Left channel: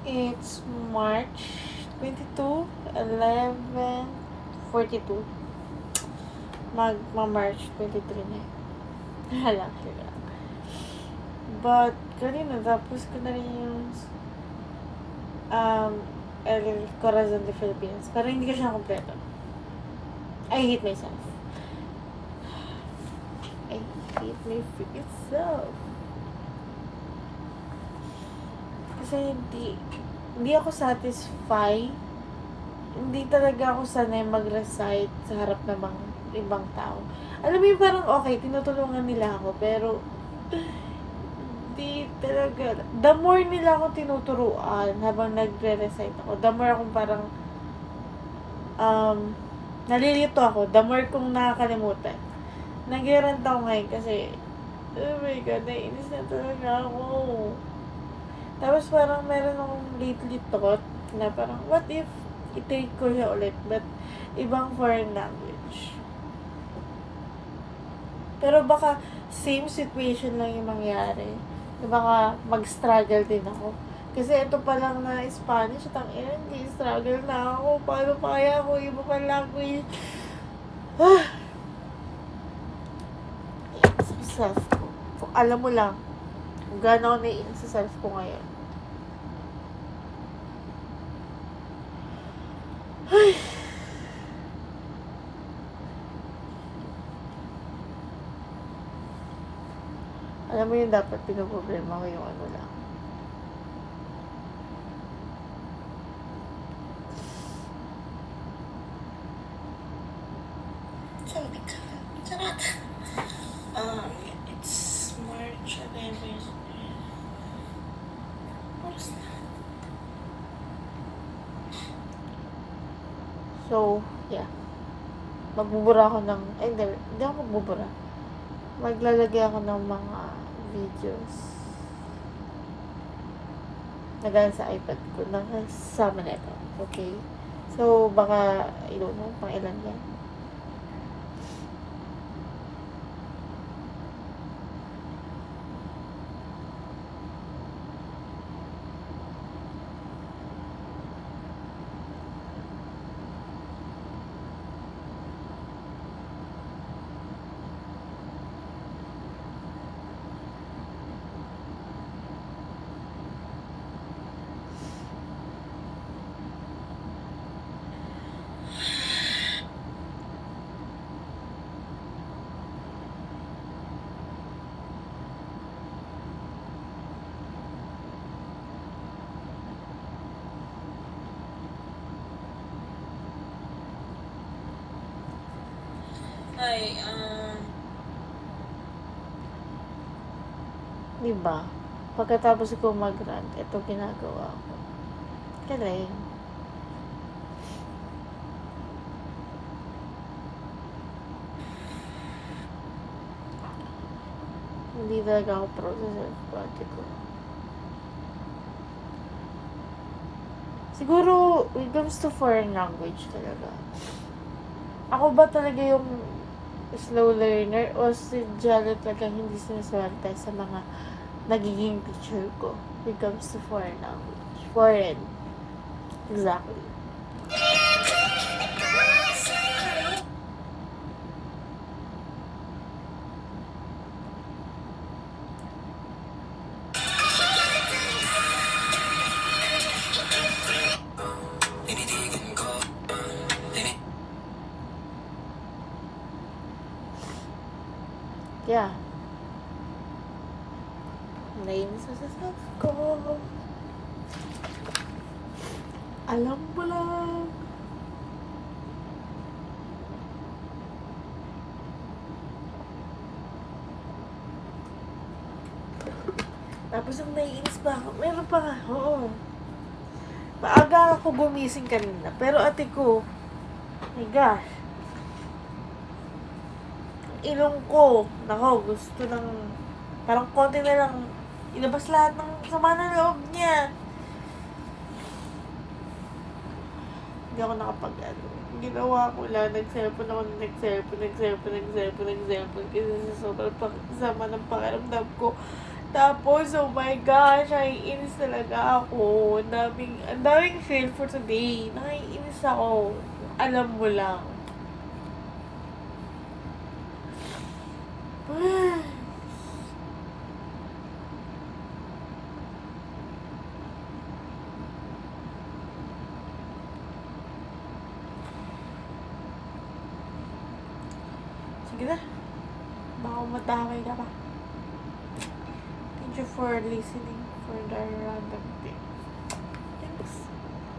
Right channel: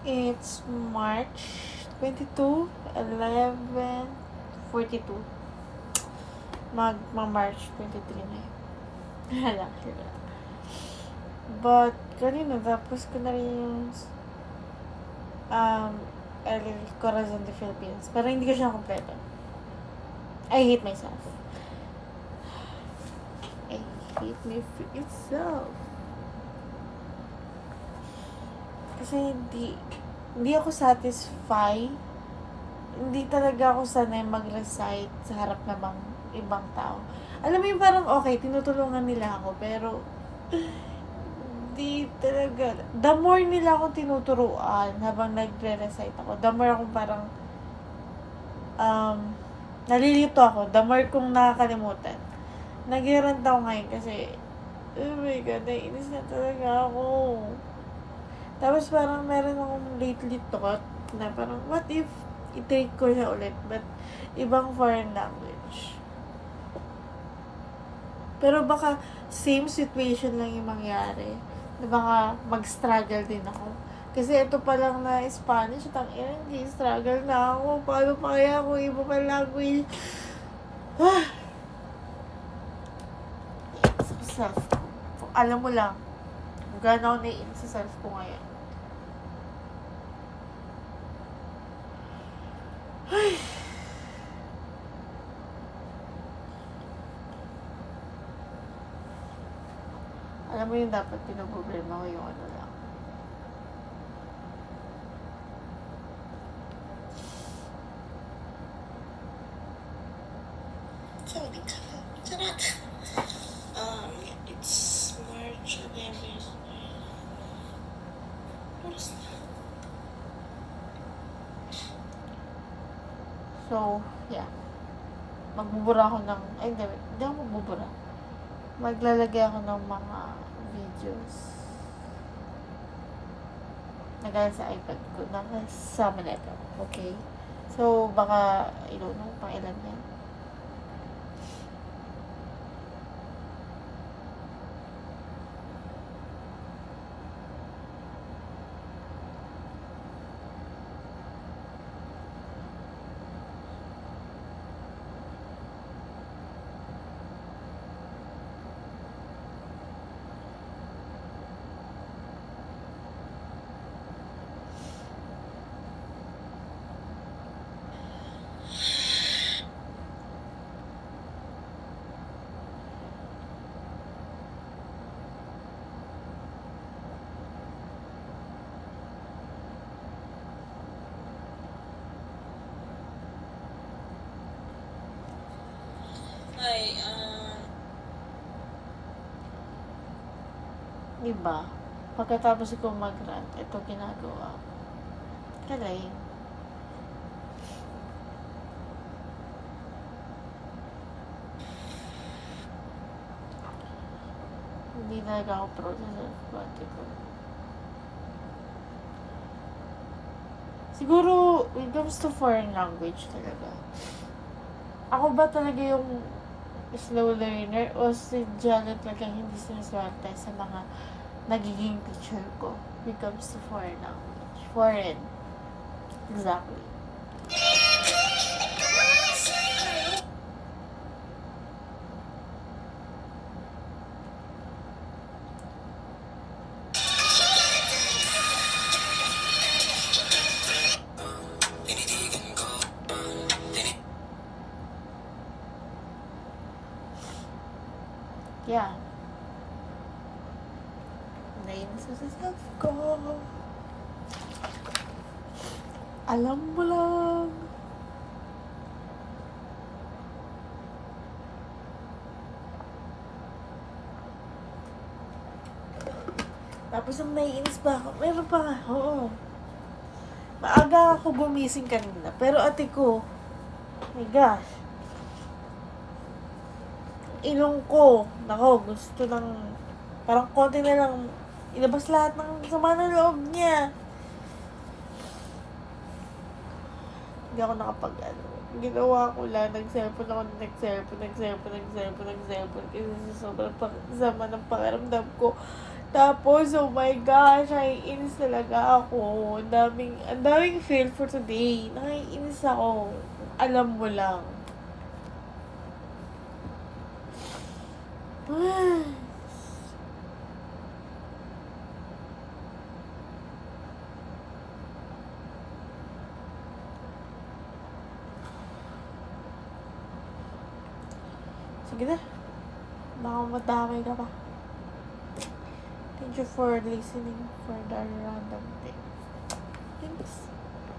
It's March 22, 11:42. March 23 na yun. Hala, sila. But, kanina, tapos ko na rin yung El Corazon de Philippines. Pero hindi ko siya kompleto. I hate myself. I hate my freaking self. Kasi hindi ako satisfied. Hindi talaga ako sanay mag-recite sa harap ng ibang tao. Alam mo yung parang okay, tinutulungan nila ako, pero hindi talaga. The more nila ako tinuturuan habang nagre-recite ako, the more akong parang nalilito ako. The more kong nakakalimutan. Nag-rant ako ngayon kasi oh my God, naiinis na talaga ako. Tapos parang meron akong lately thought na parang what if i-take ko siya ulit but ibang foreign language. Pero baka same situation lang yung mangyari. Baka mag-struggle din ako. Kasi ito pa lang na Spanish, hindi struggle na ako. Paano pa kaya ako ibang language? Sa self ko. Kung alam mo lang, kung gaano ako naiin sa self ko ngayon. Ay. Alam mo yung dapat pinoproblema ko yung ano lang. It's March 11. So, yeah. Magbubura ako ng, hindi ako magbubura. Maglalagay ako ng mga videos na gaya sa iPad ko na kasama nito. Okay? So, baka, I don't know, pang ilan yan. Diba? Pagkatapos ko mag-rant, ito ginagawa ko. Galing. Hindi talaga ako pro sa self-body ko. Siguro, when it comes to foreign language talaga. Ako ba talaga yung slow learner o si Jalo talaga hindi sinaswerte sa mga nagiging teacher ko when it comes to foreign language. Foreign. Exactly. Yeah. Nainis sa self ko. Alam mo lang. Tapos ang naiinis pa ako. Meron pa nga. Oo. Maaga ako gumising kanina. Pero ate ko, my gosh. Ilong ko, nako, gusto ng, parang konti na lang, ilabas lahat ng sama ng loob niya. Hindi ako ginawa ko lang, nag-cellphone ako, nag-cellphone, kasi sa sobrang sama ng pakiramdam ko, Tapos, oh my gosh, naiinis talaga ako. Ang daming fail for today. Naiinis ako. Alam mo lang. Sige na. Baka matamay ka pa. Thank you for listening for the random thing. Thanks.